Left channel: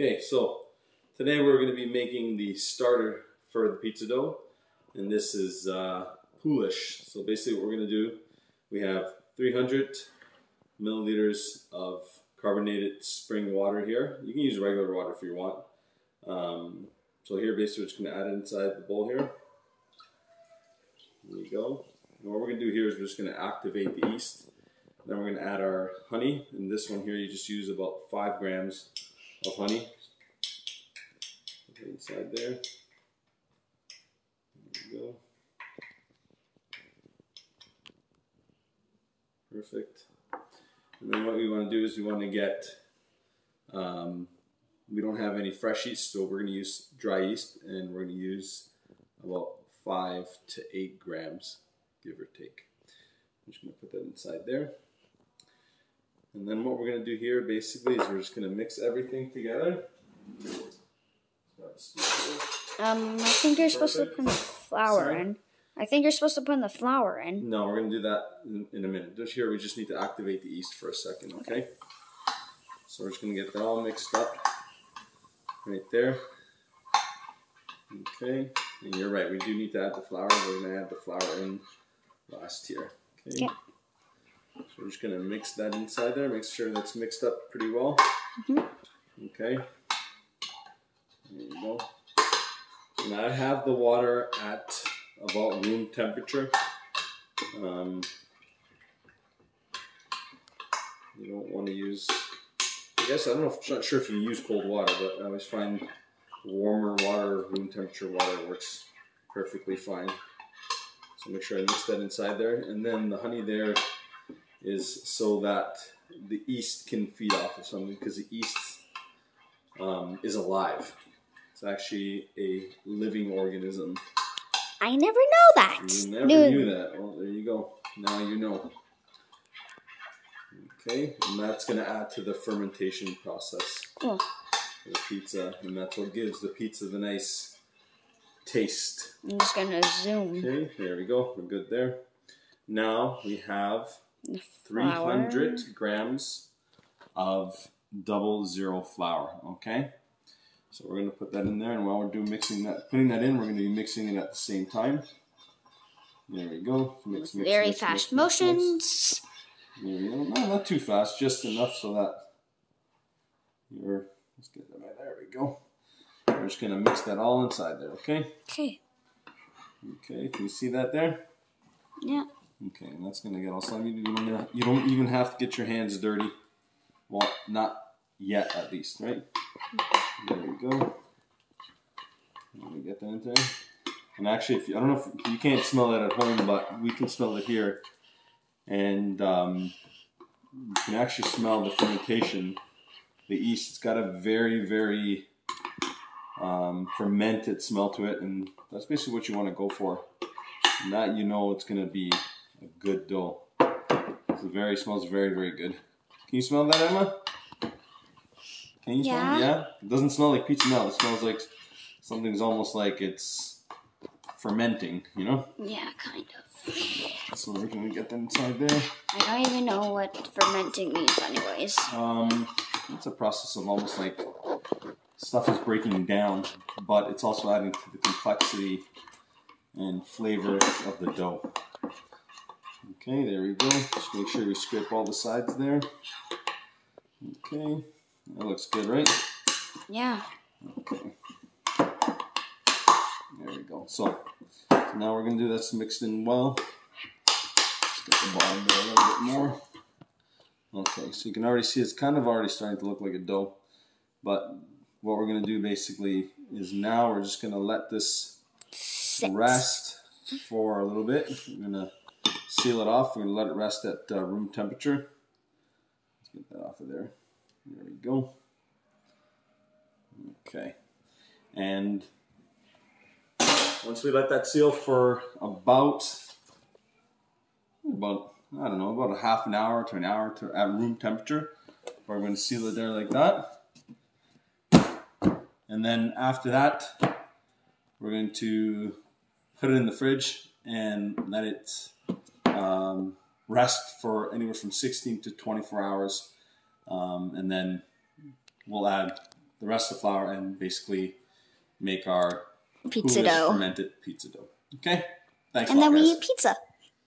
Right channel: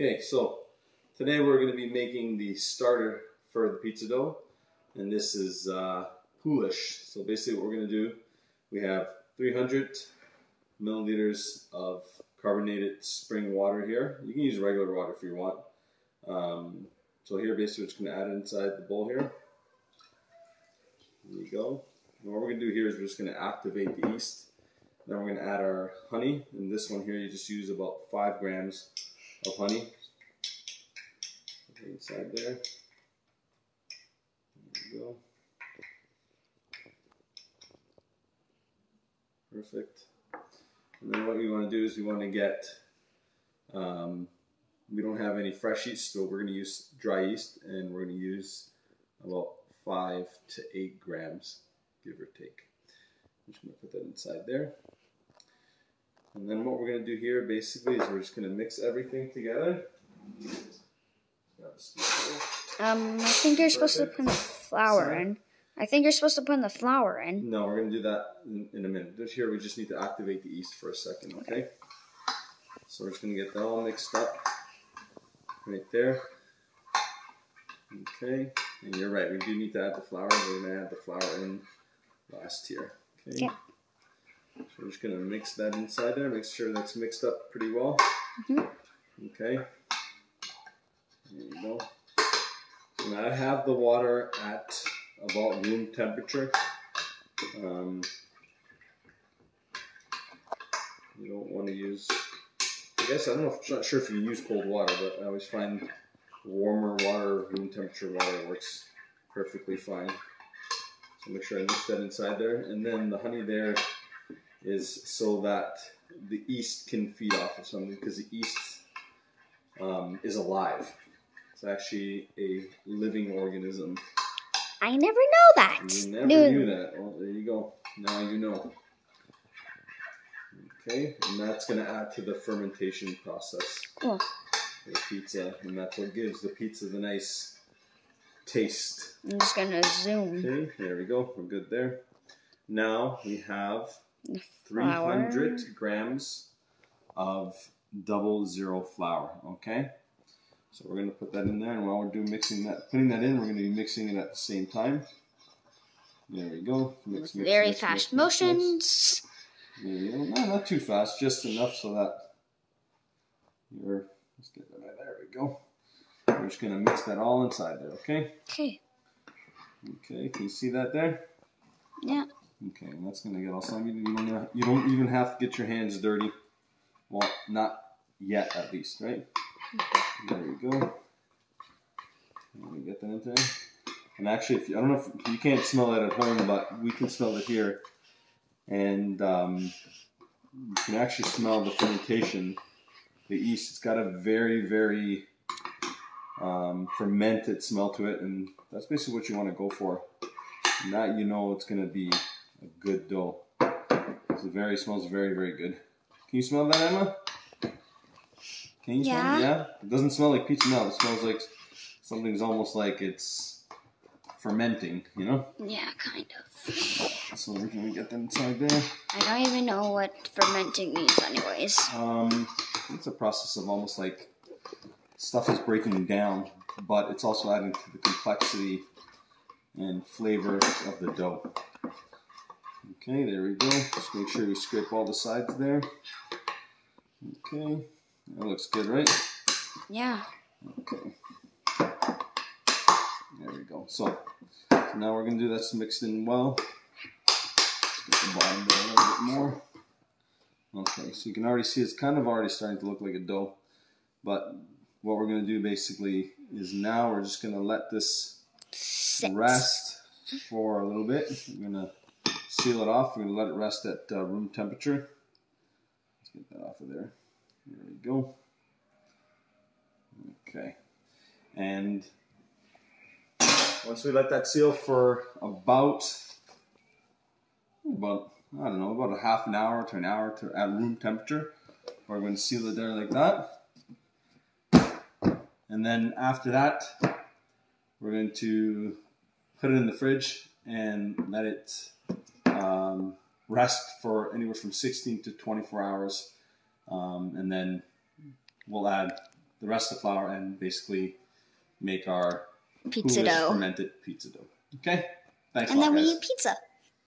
Okay, so today we're going to be making the starter for the pizza dough, and this is Poolish. So basically what we're going to do, we have 300 milliliters of carbonated spring water here. You can use regular water if you want. So here basically we're just going to add it inside the bowl here. There you go. And what we're going to do here is we're just going to activate the yeast. Then we're going to add our honey. And this one here, you just use about 5 grams of honey. Okay, inside there. There you go. Perfect. And then what we want to do is we want to get, we don't have any fresh yeast, so we're going to use dry yeast, and we're going to use about 5 to 8 grams, give or take. I'm just going to put that inside there. And then what we're going to do here basically is we're just going to mix everything together. I think you're supposed to put the flour in. I think you're supposed to put the flour in. No, we're going to do that in a minute. Just here, we just need to activate the yeast for a second, okay? So we're just going to get that all mixed up right there. Okay, and you're right, we do need to add the flour. We're going to add the flour in last here, okay? Yeah. So we're just going to mix that inside there, make sure that's mixed up pretty well. Okay, there you go. And I have the water at about room temperature. You don't want to use, I guess, I don't know, I'm not sure if you use cold water, but I always find warmer water, room temperature water works perfectly fine. So make sure I mix that inside there. And then the honey there is so that the yeast can feed off of something, because the yeast is alive. It's actually a living organism. I never know that. You never knew that. Well, there you go. Now you know. Okay, and that's going to add to the fermentation process of the pizza, and that's what gives the pizza the nice taste. I'm just going to zoom. Okay, there we go. We're good there. Now we have The 300 grams of 00 flour. Okay, so we're going to put that in there, and while we're putting that in, we're going to be mixing it at the same time. There we go. Mix, Very fast motions. There you go. No, not too fast, just enough so that let's get that right there. We go. We're just going to mix that all inside there, okay? Okay. Okay, can you see that there? Yeah. Okay, and that's going to get all slimy. You don't even have to get your hands dirty. Well, not yet, at least, right? There we go. Let me get that in there. And actually, I don't know if you can't smell it at home, but we can smell it here. And you can actually smell the fermentation, the yeast. It's got a very, very fermented smell to it, and that's basically what you want to go for. And that, you know, it's going to be a good dough. Smells very, very good. Can you smell that, Emma? Can you smell it? Yeah? It doesn't smell like pizza now. It smells like something's almost like it's fermenting, you know? Yeah, kind of. So we're going to get that inside there. I don't even know what fermenting means anyways. It's a process of almost like stuff is breaking down, but it's also adding to the complexity and flavor of the dough. Okay, there we go. Just make sure you scrape all the sides there. Okay, that looks good, right? Yeah. Okay. There we go. So now we're going to do that's mixed in well. Let's get the bottom there a little bit more. Okay, so you can already see it's kind of already starting to look like a dough. But what we're going to do basically is now we're just going to let this rest for a little bit. We're going to seal it off. We're going to let it rest at room temperature. Let's get that off of there. There we go. Okay. And once we let that seal for about I don't know, about a half an hour to an hour at room temperature, we're going to seal it there like that. And then after that, we're going to put it in the fridge and let it rest for anywhere from 16 to 24 hours. And then we'll add the rest of the flour and basically make our pizza Poolish dough. fermented pizza dough. Okay? Thanks a And lot, then we guys. eat pizza.